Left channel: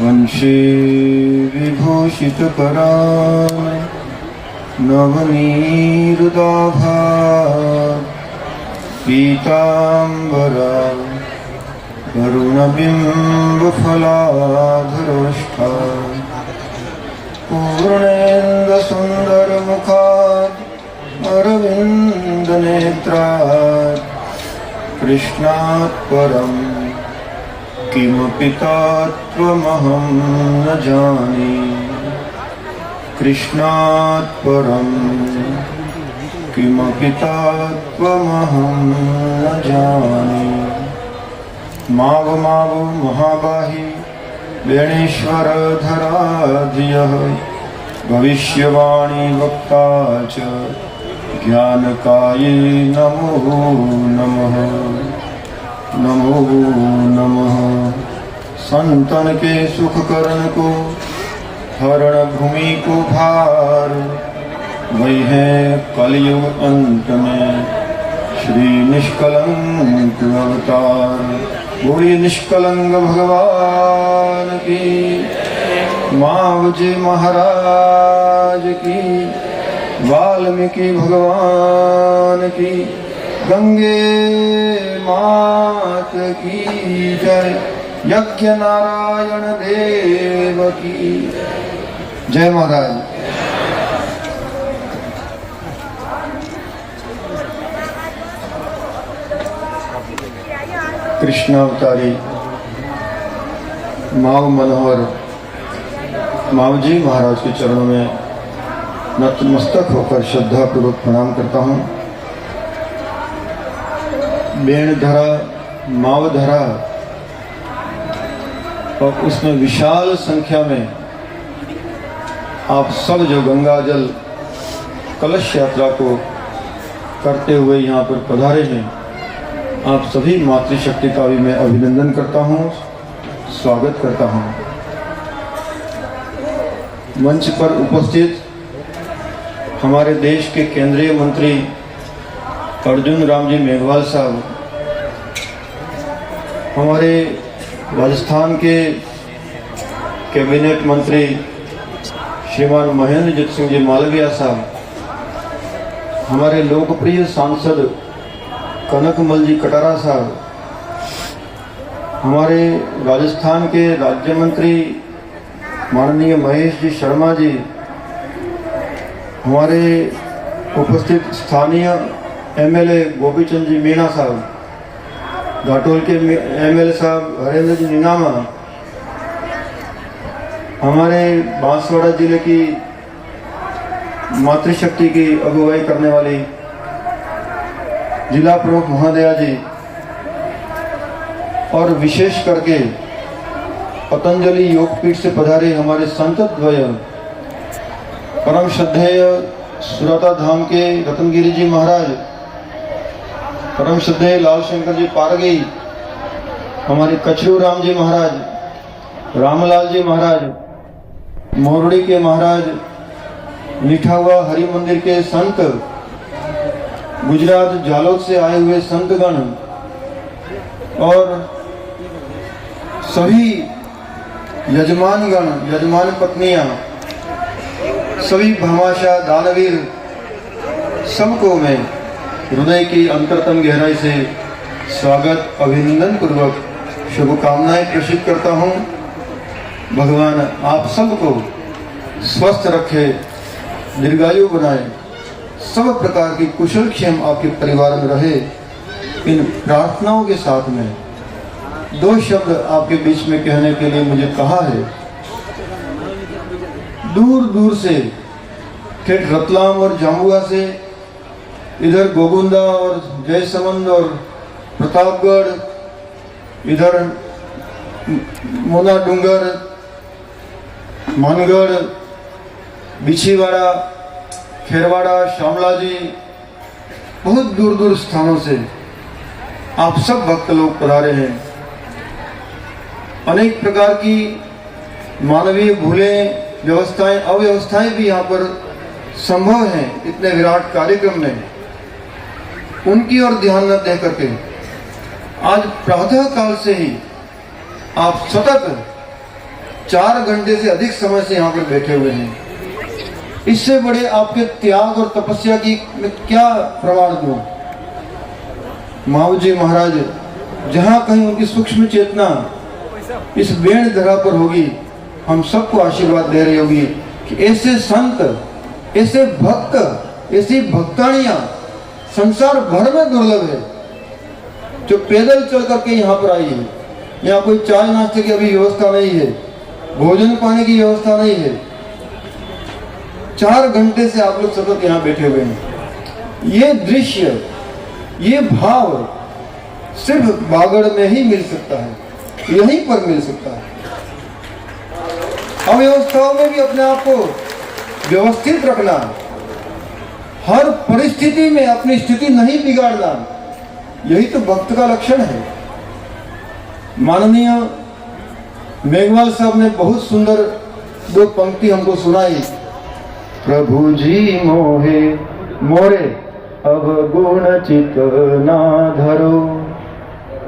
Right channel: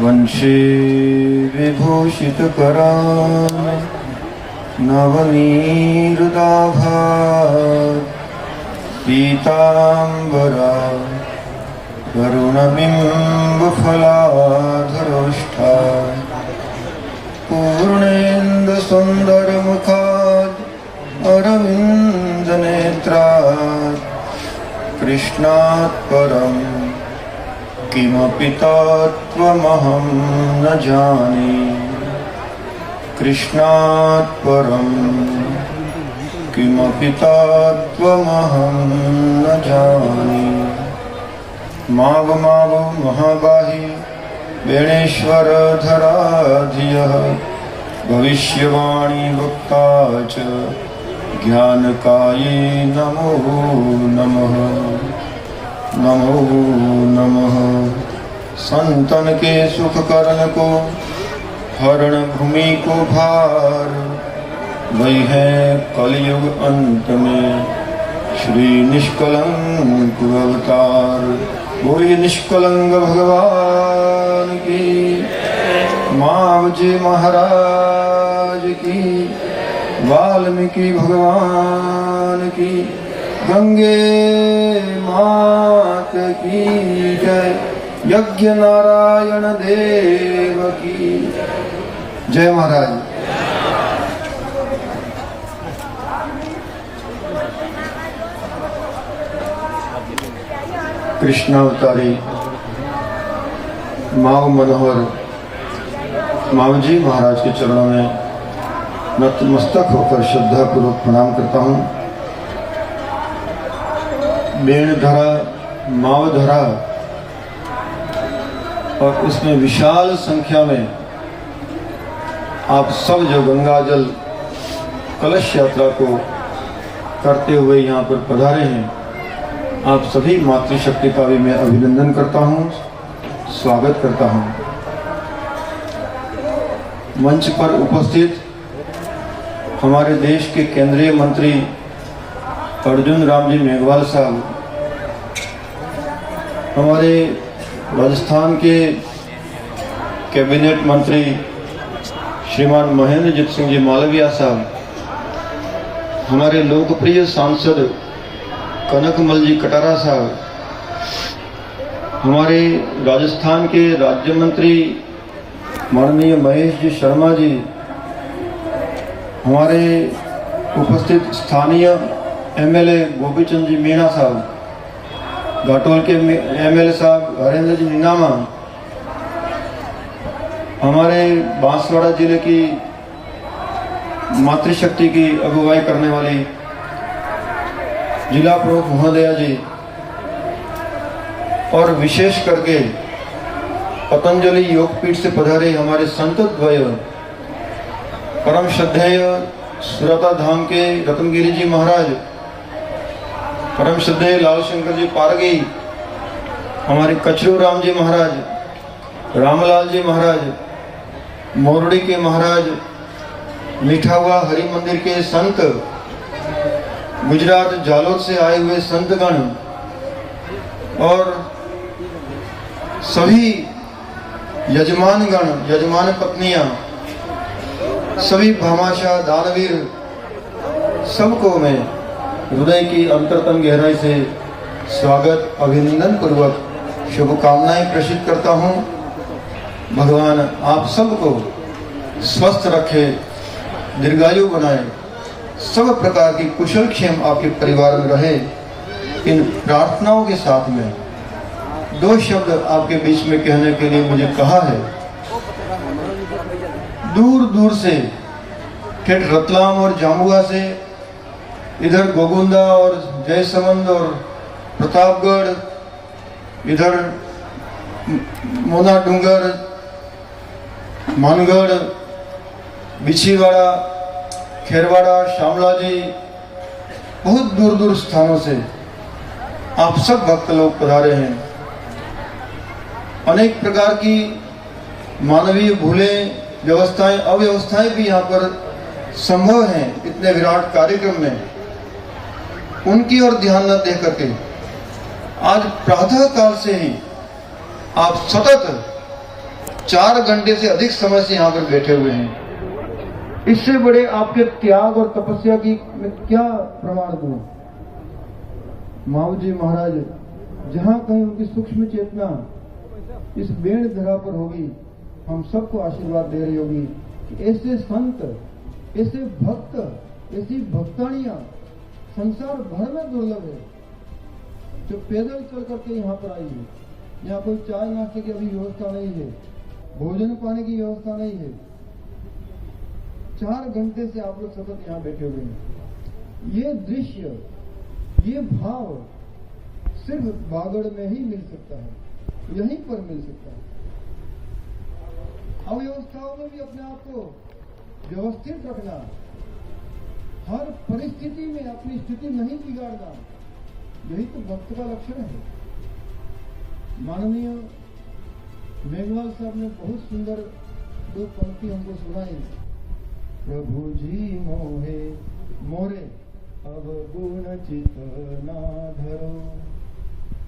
वंशी विभूषितकरा नवनीरुदाभा पीताम्बरा वरुणबिम्बफलाधरोष्ठा पूर्णेन्दुसुन्दरमुखात् अरविन्दनेत्रात् कृष्णात् परम् किमपि तत्त्वमहं न जाने। कृष्णात् परम् किमपि तत्त्वमहं न जाने। माव माव महाबाहि वेणेश्वरधरा धियः भविष्यवाणी वक्ता च ज्ञानकाये नमो नमः। नमो नमः। संतन के सुख करण को हरण भूमि को भार वही है कलयुग अंत में श्री निष्कलंक अवतार। बोलिए निष्कलंक भगवान की, माँ जी महाराज की, वाल्मीकि भगवान की, गंगे मात की जय, यज्ञ नारायण देव की जय। महाराज कृष्ण अवतारी माव मनोहर मावजी महाराज के चरणों में नतमस्तक होकर श्रद्धा पूर्वक प्रणाम करता हूँ। बेणधरा मावधरा और इसमें विशाल संख्या में आप सब जो गंगा जल कलश यात्रा को करते हुए यहाँ पर पधारे हैं, आप सभी मातृशक्ति का भी मैं अभिनंदन करता हूँ, स्वागत करता हूँ। मंच पर उपस्थित हमारे देश के केंद्रीय मंत्री अर्जुन राम जी मेघवाल साहब, हमारे राजस्थान के कैबिनेट मंत्री श्रीमान महेंद्रजीत सिंह जी मालविया साहब, हमारे लोकप्रिय सांसद कनकमल जी कटारा साहब, हमारे राजस्थान के राज्य मंत्री माननीय महेश जी शर्मा जी, हमारे उपस्थित स्थानीय एमएलए गोपीचंद जी मीणा साहब, घाटोल के एमएलए साहब हरेंद्र जी नीनामा, हमारे बांसवाड़ा जिले की मातृशक्ति की अगुवाई करने वाली जिला प्रमुख महोदया जी, और विशेष करके पतंजलि योगपीठ से पधारे हमारे संत द्वय परम श्रद्धेय सुरता धाम के रतनगिरी जी महाराज, परम श्रद्धेय लाल शंकर जी पारगी, हमारे कचरू राम जी महाराज, रामलाल जी महाराज, मोरड़ी के महाराज, लिठावा हरि मंदिर के संत, गुजरात झालोद से आए हुए संतगण और सभी यजमानगण, यजमान पत्नियां, सभी भामाशाह दानवीर, सबको मैं हृदय की अंतरतम गहराई से स्वागत अभिनंदन पूर्वक शुभकामनाएं प्रेषित करता हूं। भगवान आप सबको स्वस्थ रखे, दीर्घायु बनाए, सब प्रकार की कुशल क्षेम आपके परिवार में रहे। इन प्रार्थनाओं के साथ में दो शब्द आपके बीच में कहने के लिए मुझे कहा है। दूर दूर से फिर रतलाम और जामुआ से, इधर गोगुंदा और जयसमंद और प्रतापगढ़, इधर मोना डूंगर, मानगढ़, बिछीवाड़ा, खेरवाड़ा, शामला जी, बहुत दूर दूर स्थानों से आप सब भक्त लोग पधारे हैं। अनेक प्रकार की मानवीय भूलें, व्यवस्थाएं, अव्यवस्थाएं भी यहाँ पर संभव है इतने विराट कार्यक्रम में, उनकी ओर ध्यान न दे करके आज प्रातः काल से ही आप सतत 4 घंटे से अधिक समय से यहाँ पर बैठे हुए हैं। इससे बड़े आपके त्याग और तपस्या की मैं क्या प्रमाण दूं। माऊजी महाराज जहां कहीं उनकी सूक्ष्म चेतना इस वेण धरा पर होगी, हम सबको आशीर्वाद दे रही होगी कि ऐसे संत, ऐसे भक्त, ऐसी भक्तानियां संसार भर में दुर्लभ है, जो पैदल चल करके यहाँ पर आई है। यहाँ कोई चाय नाश्ते की अभी व्यवस्था नहीं है, भोजन पाने की व्यवस्था नहीं है। 4 घंटे से आप लोग सतत यहाँ बैठे हुए हैं। ये दृश्य, ये भाव सिर्फ बागड़ में ही मिल सकता है, यहीं पर मिल सकता है। अव्यवस्थाओं में भी अपने आप को व्यवस्थित रखना, हर परिस्थिति में अपनी स्थिति नहीं बिगाड़ना, यही तो भक्त का लक्षण है। माननीय मेघवाल साहब ने बहुत सुंदर 2 पंक्ति हमको सुनाई। प्रभु जी मोहे मोरे अब गुण चित ना धरो।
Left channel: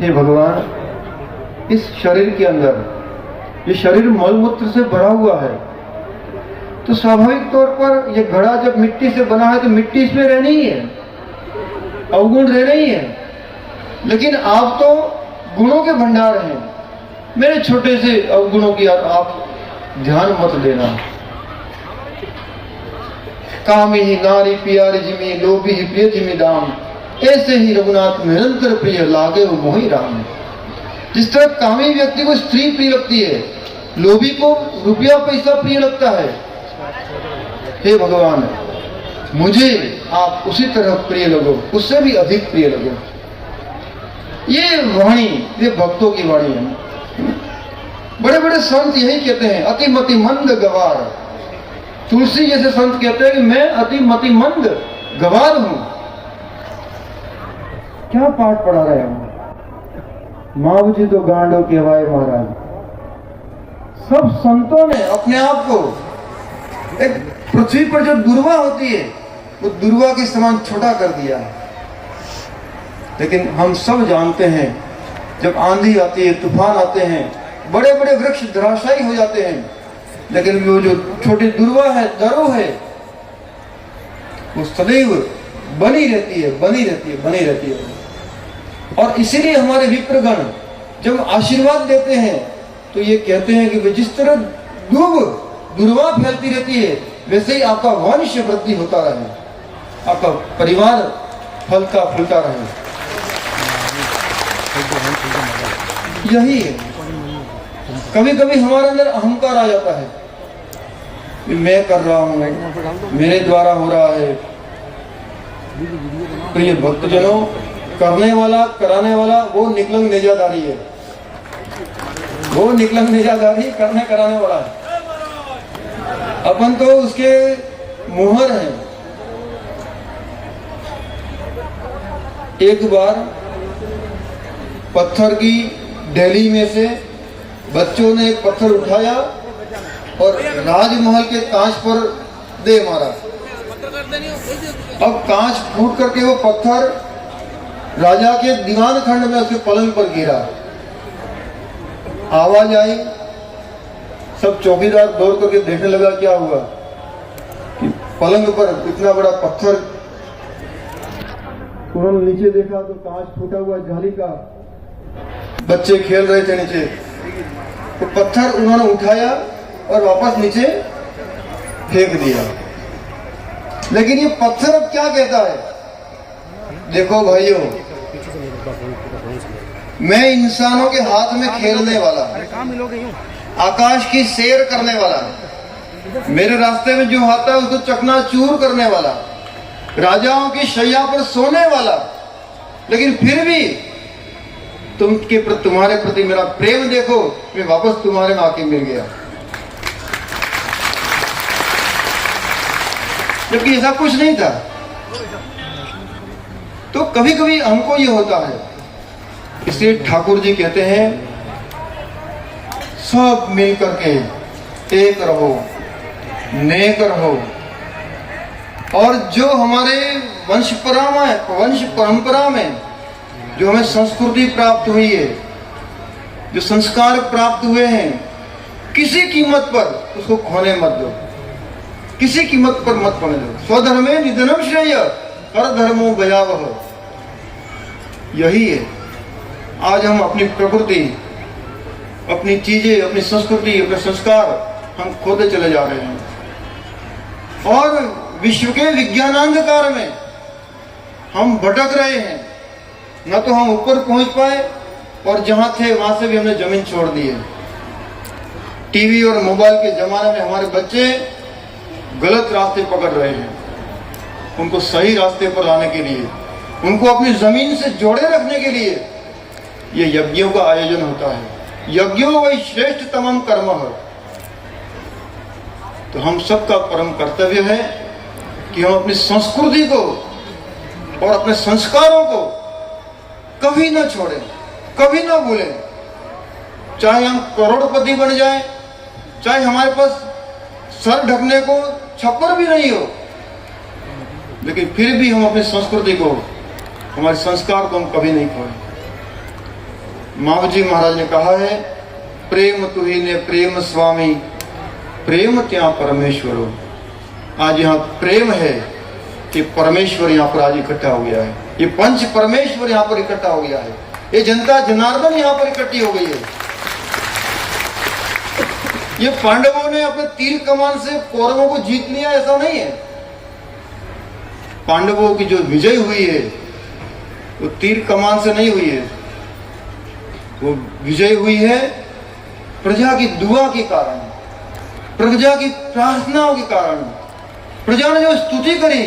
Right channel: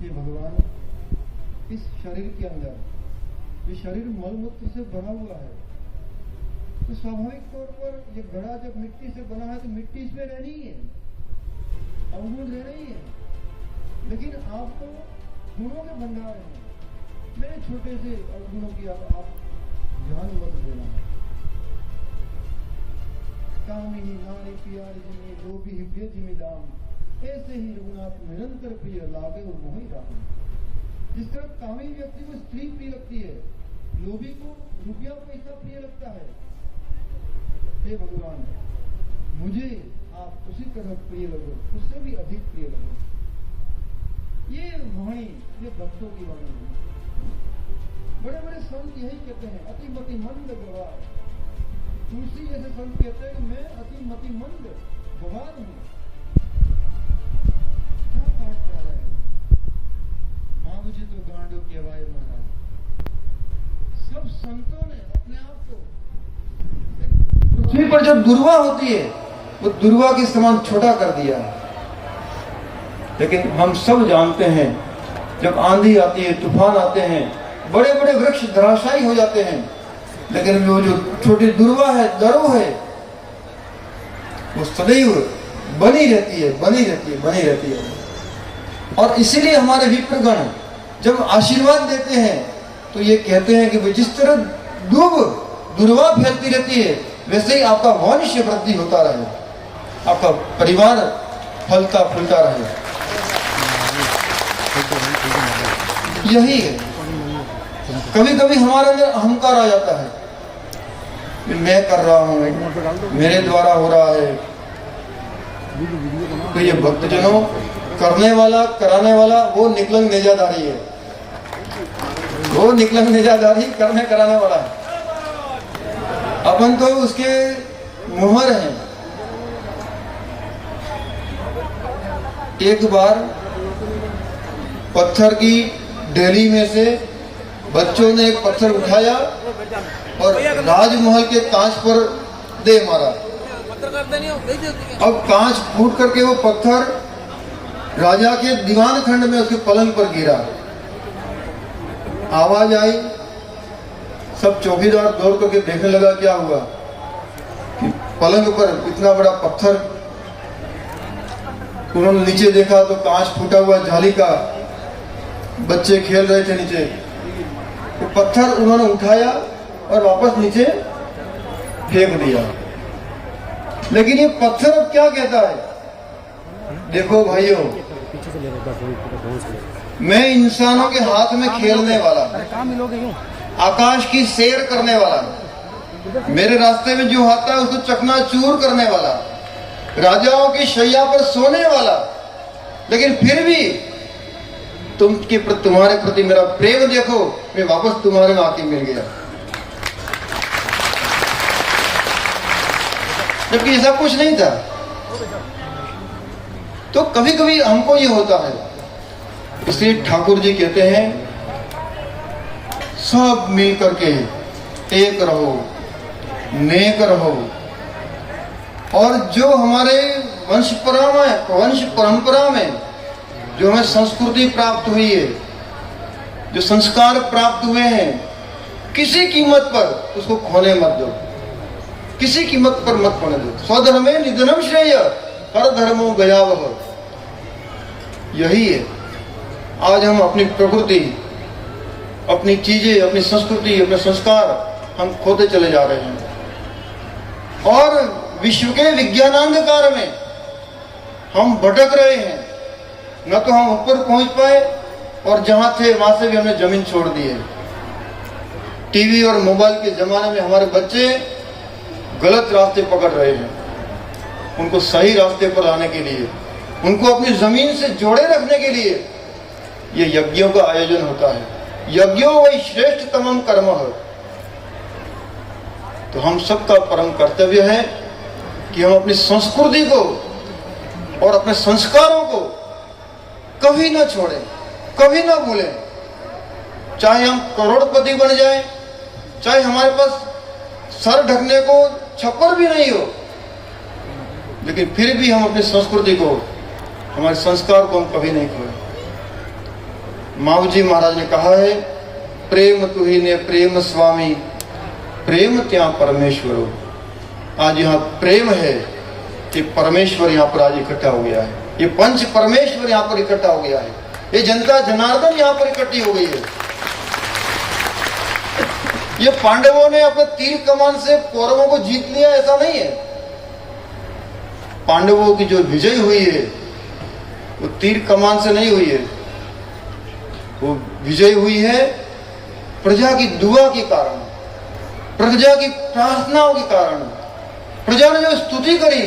हे भगवान, इस शरीर के अंदर, ये शरीर मलमूत्र से भरा हुआ है, तो स्वाभाविक तौर पर ये घड़ा जब मिट्टी से बना है तो मिट्टी इसमें रहनी ही है, अवगुण रहने ही है। लेकिन आप तो गुणों के भंडार हैं, मेरे छोटे से अवगुणों की आप ध्यान मत देना। कामी ही नारी प्यारी जिमी, लोभी ही प्रिय जिमी दाम, ऐसे ही रघुनाथ निरंतर प्रिय लागे वो मोहि राम। जिस तरह कामी व्यक्ति को स्त्री प्रिय लगती है, लोभी को रुपया पैसा प्रिय लगता है, हे भगवान मुझे आप उसी तरह प्रिय लगो, उससे भी अधिक प्रिय लगो। ये वाणी, ये भक्तों की वाणी है। बड़े बड़े संत यही कहते हैं, अति मति मंद गवार। तुलसी जैसे संत कहते हैं कि मैं अति मति मंद गवार हूं। क्या पाठ पढ़ा रहे हैं माऊ जी, तो गांडो कहवाए महाराज। सब संतों ने अपने आप को एक पृथ्वी पर जो दुर्वा होती है वो दुर्वा के समान छोटा कर दिया। लेकिन हम सब जानते हैं जब आंधी आती है, तूफान आते हैं, बड़े बड़े वृक्ष धराशायी हो जाते हैं, लेकिन वो जो छोटी दुर्वा है, दरो है, वो सदैव बनी रहती है, बनी रहती है, बनी रहती है। और इसीलिए हमारे विप्रगण जब आशीर्वाद देते हैं तो ये कहते हैं कि जिस तरह दुर्वा फैलती रहती है, वैसे ही आपका वंश वृद्धि होता रहे, आपका परिवार फलता फूलता रहे। यही है। कभी कभी हमारे अंदर अहंकार आ जाता है, मैं कर रहा हूं, मेरे द्वारा हो रहा है। प्रिय भक्तजनों, करने वाला, कराने वाला वो निकलंग नेजाधारी है, वो निकलंग नेजाधारी करने कराने वाला है। अपन तो उसके मुहर हैं। एक बार पत्थर की डेली में से बच्चों ने एक पत्थर उठाया और राजमहल के कांच पर दे मारा। अब कांच फूट करके वो पत्थर राजा के दीवान खंड में उसके पलंग पर गिरा। आवाज आई, सब चौकीदार दौड़ करके देखने लगा क्या हुआ। कि पलंग पर इतना बड़ा पत्थर, उन्होंने नीचे देखा तो कांच फूटा हुआ जाली का, बच्चे खेल रहे थे नीचे। तो पत्थर उन्होंने उठाया और वापस नीचे फेंक दिया। लेकिन ये पत्थर अब क्या कहता है, देखो भाइयों, मैं इंसानों के हाथ में खेलने वाला, आकाश की सैर करने वाला, मेरे रास्ते में जो आता है उसको चकनाचूर करने वाला, राजाओं की शैया पर सोने वाला, लेकिन फिर भी तुम्हारे प्रति मेरा प्रेम देखो, मैं वापस तुम्हारे में आके मिल गया। जबकि ऐसा कुछ नहीं था। तो कभी कभी हमको ये होता है। इसलिए ठाकुर जी कहते हैं, सब मिल करके एक रहो, नेक रहो, और जो हमारे वंश परंपरा में जो हमें संस्कृति प्राप्त हुई है, जो संस्कार प्राप्त हुए हैं, किसी कीमत पर उसको खोने मत दो, किसी कीमत पर मत खोने दो। स्वधर्मे निधनम श्रेय पर धर्मो भयावह। यही है, आज हम अपनी प्रकृति, अपनी चीजें, अपनी संस्कृति, अपने संस्कार हम खोते चले जा रहे हैं और विश्व के विज्ञानांधकार में हम भटक रहे हैं। न तो हम ऊपर पहुंच पाए और जहां थे वहां से भी हमने जमीन छोड़ दी है। टीवी और मोबाइल के जमाने में हमारे बच्चे गलत रास्ते पकड़ रहे हैं। उनको सही रास्ते पर लाने के लिए, उनको अपनी जमीन से जोड़े रखने के लिए ये यज्ञों का आयोजन होता है। यज्ञों वही श्रेष्ठ तमाम कर्म है। तो हम सबका परम कर्तव्य है कि हम अपनी संस्कृति को और अपने संस्कारों को कभी ना छोड़ें, कभी ना भूलें। चाहे हम करोड़पति बन जाएं, चाहे हमारे पास सर ढकने को छप्पर भी नहीं हो, लेकिन फिर भी हम अपनी संस्कृति को, हमारे संस्कार को हम कभी नहीं भूलें। माऊजी महाराज ने कहा है, प्रेम तुही ने प्रेम स्वामी, प्रेम क्या परमेश्वरो। आज यहाँ प्रेम है कि परमेश्वर यहाँ पर आज इकट्ठा हो गया है। ये पंच परमेश्वर यहाँ पर इकट्ठा हो गया है। ये जनता जनार्दन यहाँ पर इकट्ठी हो गई है। ये पांडवों ने अपने तीर कमान से कौरवों को जीत लिया, ऐसा नहीं है। पांडवों की जो विजय हुई है वो तीर कमान से नहीं हुई है, वो विजय हुई है प्रजा की दुआ के कारण, प्रजा की प्रार्थनाओं के कारण। प्रजा ने जो स्तुति करी,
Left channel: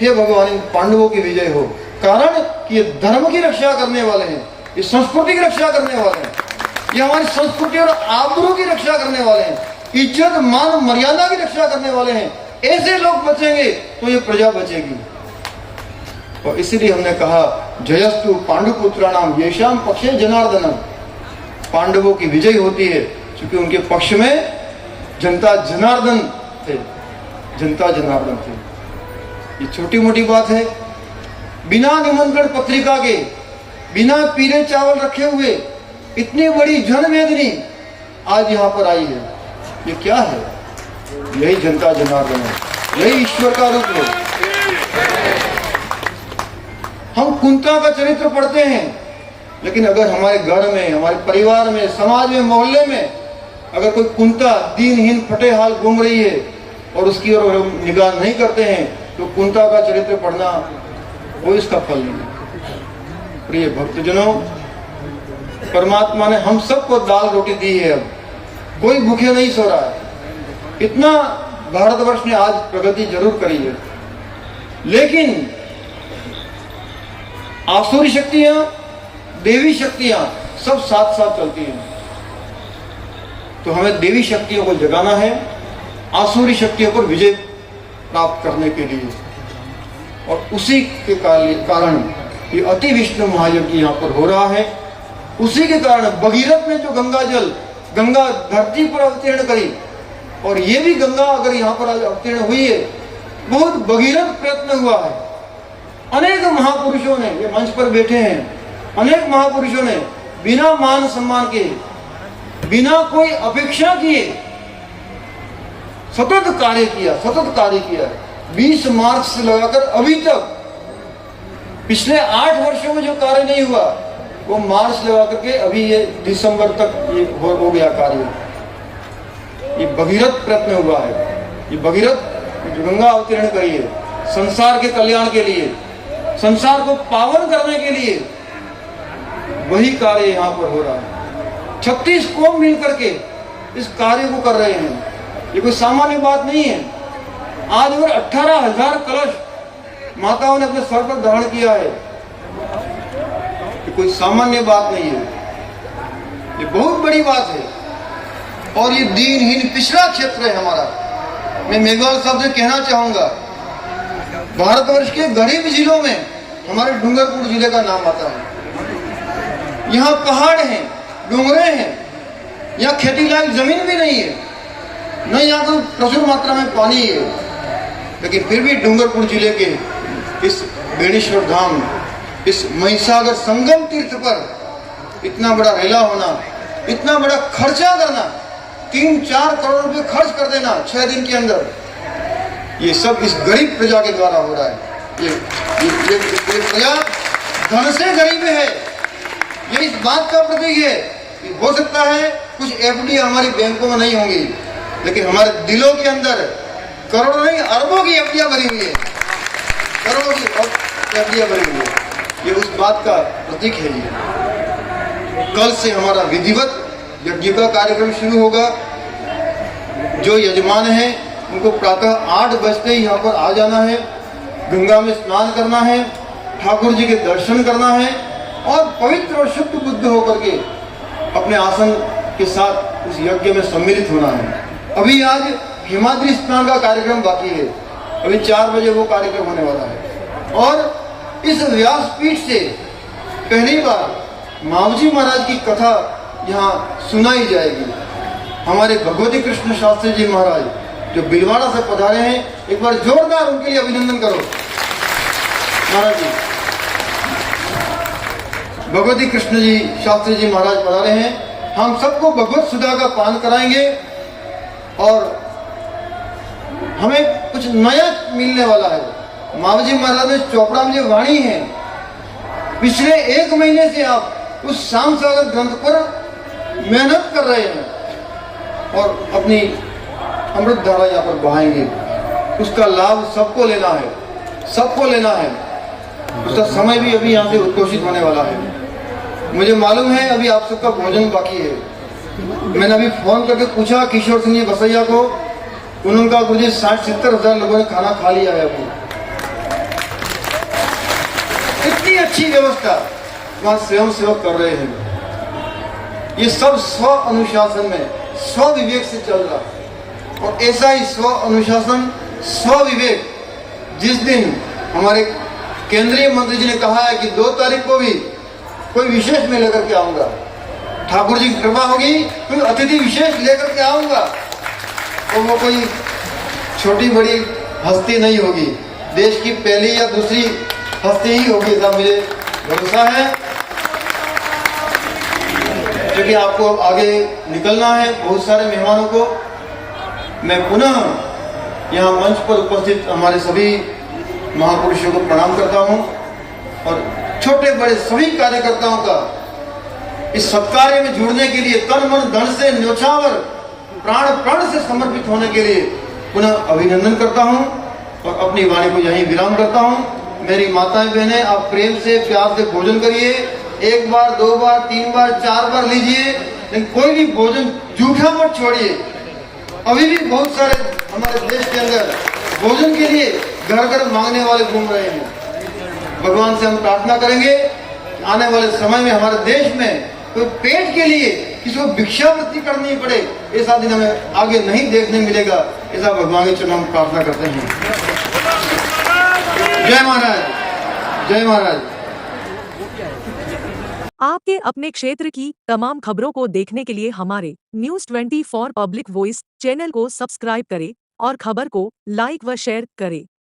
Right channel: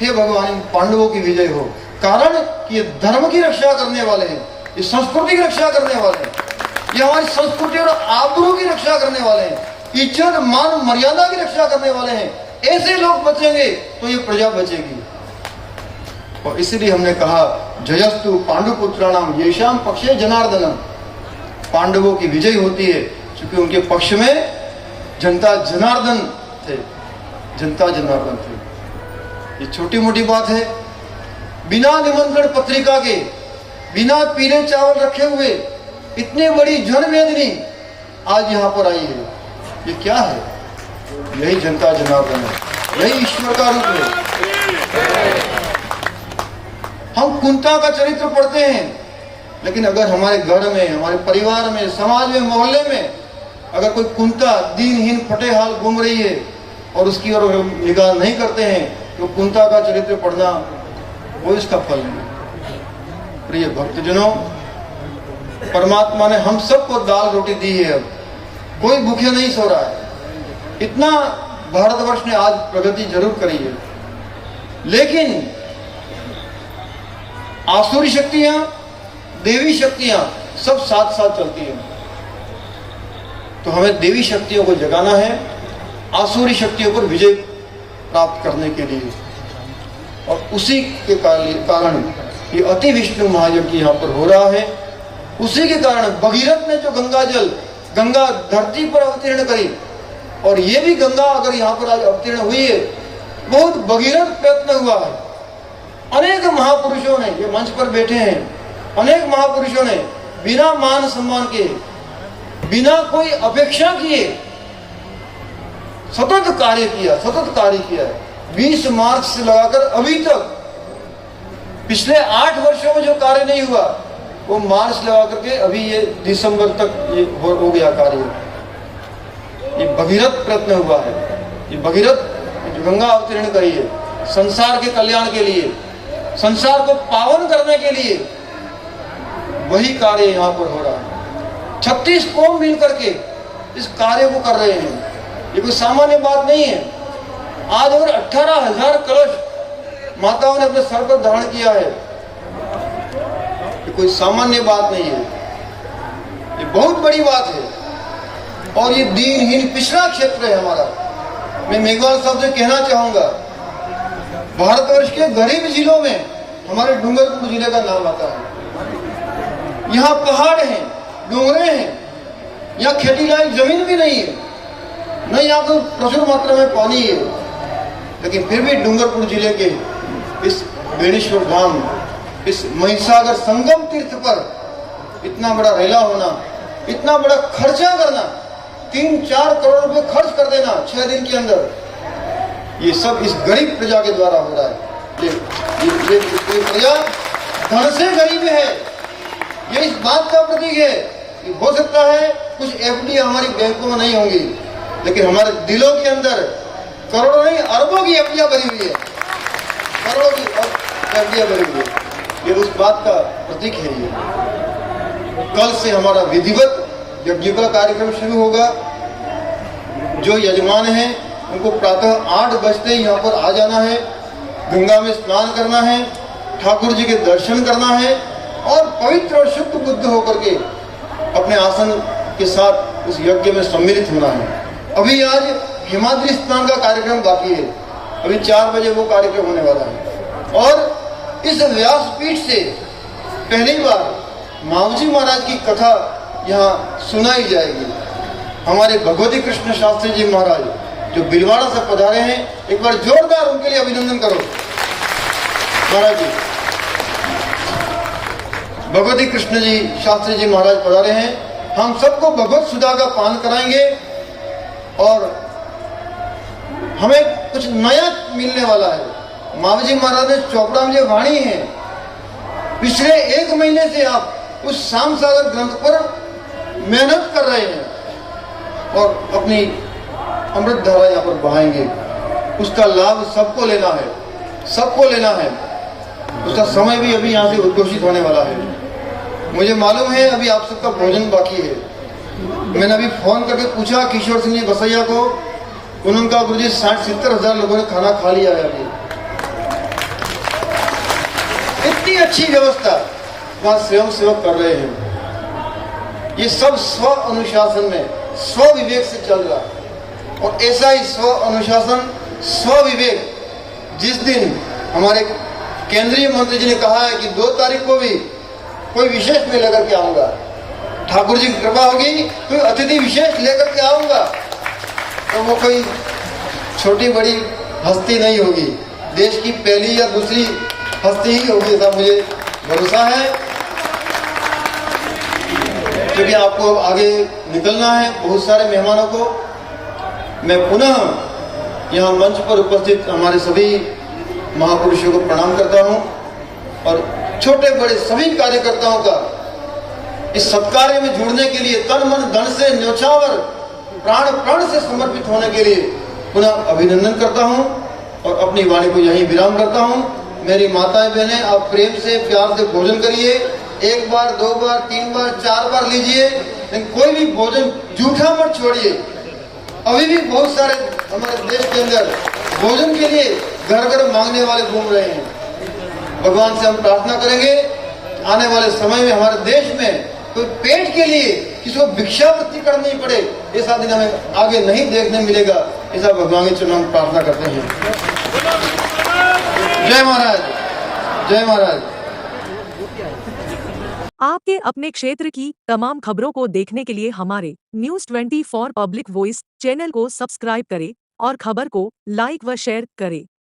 हे भगवान पांडवों की विजय हो, कारण कि ये धर्म की रक्षा करने वाले हैं, ये संस्कृति की रक्षा करने वाले हैं, ये हमारी संस्कृति और आबरू की रक्षा करने वाले हैं, इज्जत मान मर्यादा की रक्षा करने वाले हैं। ऐसे लोग बचेंगे तो ये प्रजा बचेगी। और इसीलिए हमने कहा, जयस्तु पांडुपुत्राणाम येषाम पक्षे जनार्दनम। पांडवों की विजय होती है क्योंकि उनके पक्ष में जनता जनार्दन थे, जनता जनार्दन थे। ये छोटी मोटी बात है। बिना निमंत्रण पत्रिका के, बिना पीले चावल रखे हुए इतनी बड़ी जनवेदनी आज यहाँ पर आई है। ये क्या है? यही जनता जनार्दन है, यही ईश्वर का रूप है। हम कुंता का चरित्र पढ़ते हैं, लेकिन अगर हमारे घर में, हमारे परिवार में, समाज में, मोहल्ले में अगर कोई कुंता दीनहीन फटे हाल घूम रही है और उसकी ओर निगाह नहीं करते हैं, तो कुंता का चरित्र पढ़ना वो इसका फल नहीं। प्रिय भक्तजनों, परमात्मा ने हम सबको दाल रोटी दी है, कोई भूखे नहीं सो रहा है। इतना भारतवर्ष ने आज प्रगति जरूर करी है, लेकिन आसुरी शक्तियां, देवी शक्तियां सब साथ साथ चलती हैं। तो हमें देवी शक्तियों को जगाना है, आसुरी शक्तियों पर विजय प्राप्त करने के लिए। और उसी के कारण ये अति विष्णु महायज्ञ यहाँ पर हो रहा है। उसी के कारण भगीरथ ने जो गंगा धरती पर अवतीर्ण करी, और ये भी गंगा अगर यहाँ पर आज अवतीर्ण हुई है, बहुत भगीरथ प्रयत्न हुआ है। अनेक महापुरुषों ने, ये मंच पर बैठे हैं, अनेक महापुरुषों ने बिना मान सम्मान के, बिना कोई अपेक्षा किए सतत कार्य किया। 20 मार्च से लगाकर अभी तक पिछले 8 वर्षों में जो कार्य नहीं हुआ, वो मार्च लगा करके अभी ये दिसंबर तक ये हो गया कार्य। ये भगीरथ प्रयत्न हुआ है। ये भगीरथ गंगा अवतीर्ण करी है संसार के कल्याण के लिए, संसार को पावन करने के लिए। वही कार्य यहाँ पर हो रहा है। 36 कौम मिल करके इस कार्य को कर रहे हैं। ये कोई सामान्य बात नहीं है। आज अगर 18,000 कलश माताओं ने अपने सर पर धारण किया है, ये कोई सामान्य बात नहीं है, ये बहुत बड़ी बात है। और ये दीनहीन पिछड़ा क्षेत्र है हमारा। मैं मेघवाल शब्द कहना चाहूंगा, भारतवर्ष के गरीब जिलों में हमारे डूंगरपुर जिले का नाम आता है। यहाँ पहाड़ हैं, डूंगरे हैं, यहाँ खेती लायक जमीन भी नहीं है, न यहाँ तो प्रचुर मात्रा में पानी है। लेकिन फिर भी डूंगरपुर जिले के इस बेणेश्वर धाम, इस महिसागर संगम तीर्थ पर इतना बड़ा रेला होना, इतना बड़ा खर्चा करना, 3-4 करोड़ रुपए खर्च कर देना 6 दिन के अंदर, ये सब इस गरीब प्रजा के द्वारा हो रहा है। ये प्रजा धन से गरीब है, ये इस बात का प्रतीक है कि हो सकता है कुछ एफडी हमारी बैंकों में नहीं होंगी, लेकिन हमारे दिलों के अंदर करोड़ों नहीं अरबों की एफडियां भरी हुई है, करोड़ों की एफडियां भरी हुई है। ये उस बात का प्रतीक है। ये कल से हमारा विधिवत यज्ञ का कार्यक्रम शुरू होगा। जो यजमान हैं उनको प्रातः 8 बजते यहाँ पर आ जाना है, गंगा में स्नान करना है, ठाकुर जी के दर्शन करना है और पवित्र और शुद्ध बुद्ध होकर के अपने आसन के साथ इस यज्ञ में सम्मिलित होना है। अभी आज हिमाद्री स्नान का कार्यक्रम बाकी है, अभी 4 बजे वो कार्यक्रम होने वाला है। और इस व्यासपीठ से पहली बार मावजी महाराज की कथा यहाँ सुनाई जाएगी। हमारे भगवती कृष्ण शास्त्री जी महाराज जो बिलवाड़ा से पधारे हैं, एक बार जोरदार उनके लिए अभिनंदन करो। महाराज जी, भगवती कृष्ण जी शास्त्री जी महाराज पधारे हैं, हम सबको भगवत सुधा का पान कराएंगे और हमें कुछ नया मिलने वाला है। मावजी महाराज ने चोपड़ा में जो वाणी है, पिछले 1 महीने से आप उस शाम सागर ग्रंथ पर मेहनत कर रहे हैं और अपनी अमृत धारा यहाँ पर बहाएंगे। उसका लाभ सबको लेना है, सबको लेना है। उसका समय भी अभी यहाँ से उद्घोषित होने वाला है। मुझे मालूम है अभी आप सबका भोजन बाकी है। मैंने अभी फोन करके पूछा किशोर सिंह बसैया को, उन्होंने कहा गुरुजी 60-70 हजार लोगों ने खाना खा लिया है अभी। इतनी अच्छी व्यवस्था वहां स्वयं सेवक कर रहे हैं। ये सब स्व अनुशासन में, स्व विवेक से चल रहा। और ऐसा ही स्व अनुशासन, स्व विवेक जिस दिन हमारे केंद्रीय मंत्री जी ने कहा है कि 2 तारीख को भी कोई विशेष में लेकर के आऊंगा, ठाकुर जी की कृपा होगी, कोई अतिथि विशेष लेकर के आऊंगा, तो वो कोई छोटी बड़ी हस्ती नहीं होगी, देश की पहली या दूसरी हस्ती ही होगी, ऐसा मुझे भरोसा है। क्योंकि आपको आगे निकलना है, बहुत सारे मेहमानों को मैं पुनः यहाँ मंच पर उपस्थित हमारे सभी महापुरुषों को प्रणाम करता हूँ और छोटे बड़े सभी कार्यकर्ताओं का इस सत्कार्य में जुड़ने के लिए तन मन धन से न्योछावर प्राण प्राण से समर्पित होने के लिए पुनः अभिनंदन करता हूँ और अपनी वाणी को यहीं विराम करता हूँ। मेरी माताएं बहनें, आप प्रेम से प्यार से भोजन करिए, 1 बार 2 बार 3 बार 4 बार लीजिए, लेकिन कोई भी भोजन जूठा मत छोड़िए। अभी भी बहुत सारे हमारे देश के अंदर भोजन के लिए घर घर मांगने वाले घूम रहे हैं। भगवान से हम प्रार्थना करेंगे आने वाले समय में हमारे देश में कोई पेट के लिए किसी को भिक्षावृत्ति करनी पड़े, ऐसा दिन हमें आगे नहीं देखने मिलेगा। ऐसा भगवान के चरणों में प्रार्थना करते हैं। जय महाराज, जय महाराज। आपके अपने क्षेत्र की तमाम खबरों को देखने के लिए हमारे न्यूज़ 24 पब्लिक वॉइस चैनल को सब्सक्राइब करें और खबर को लाइक व शेयर करें।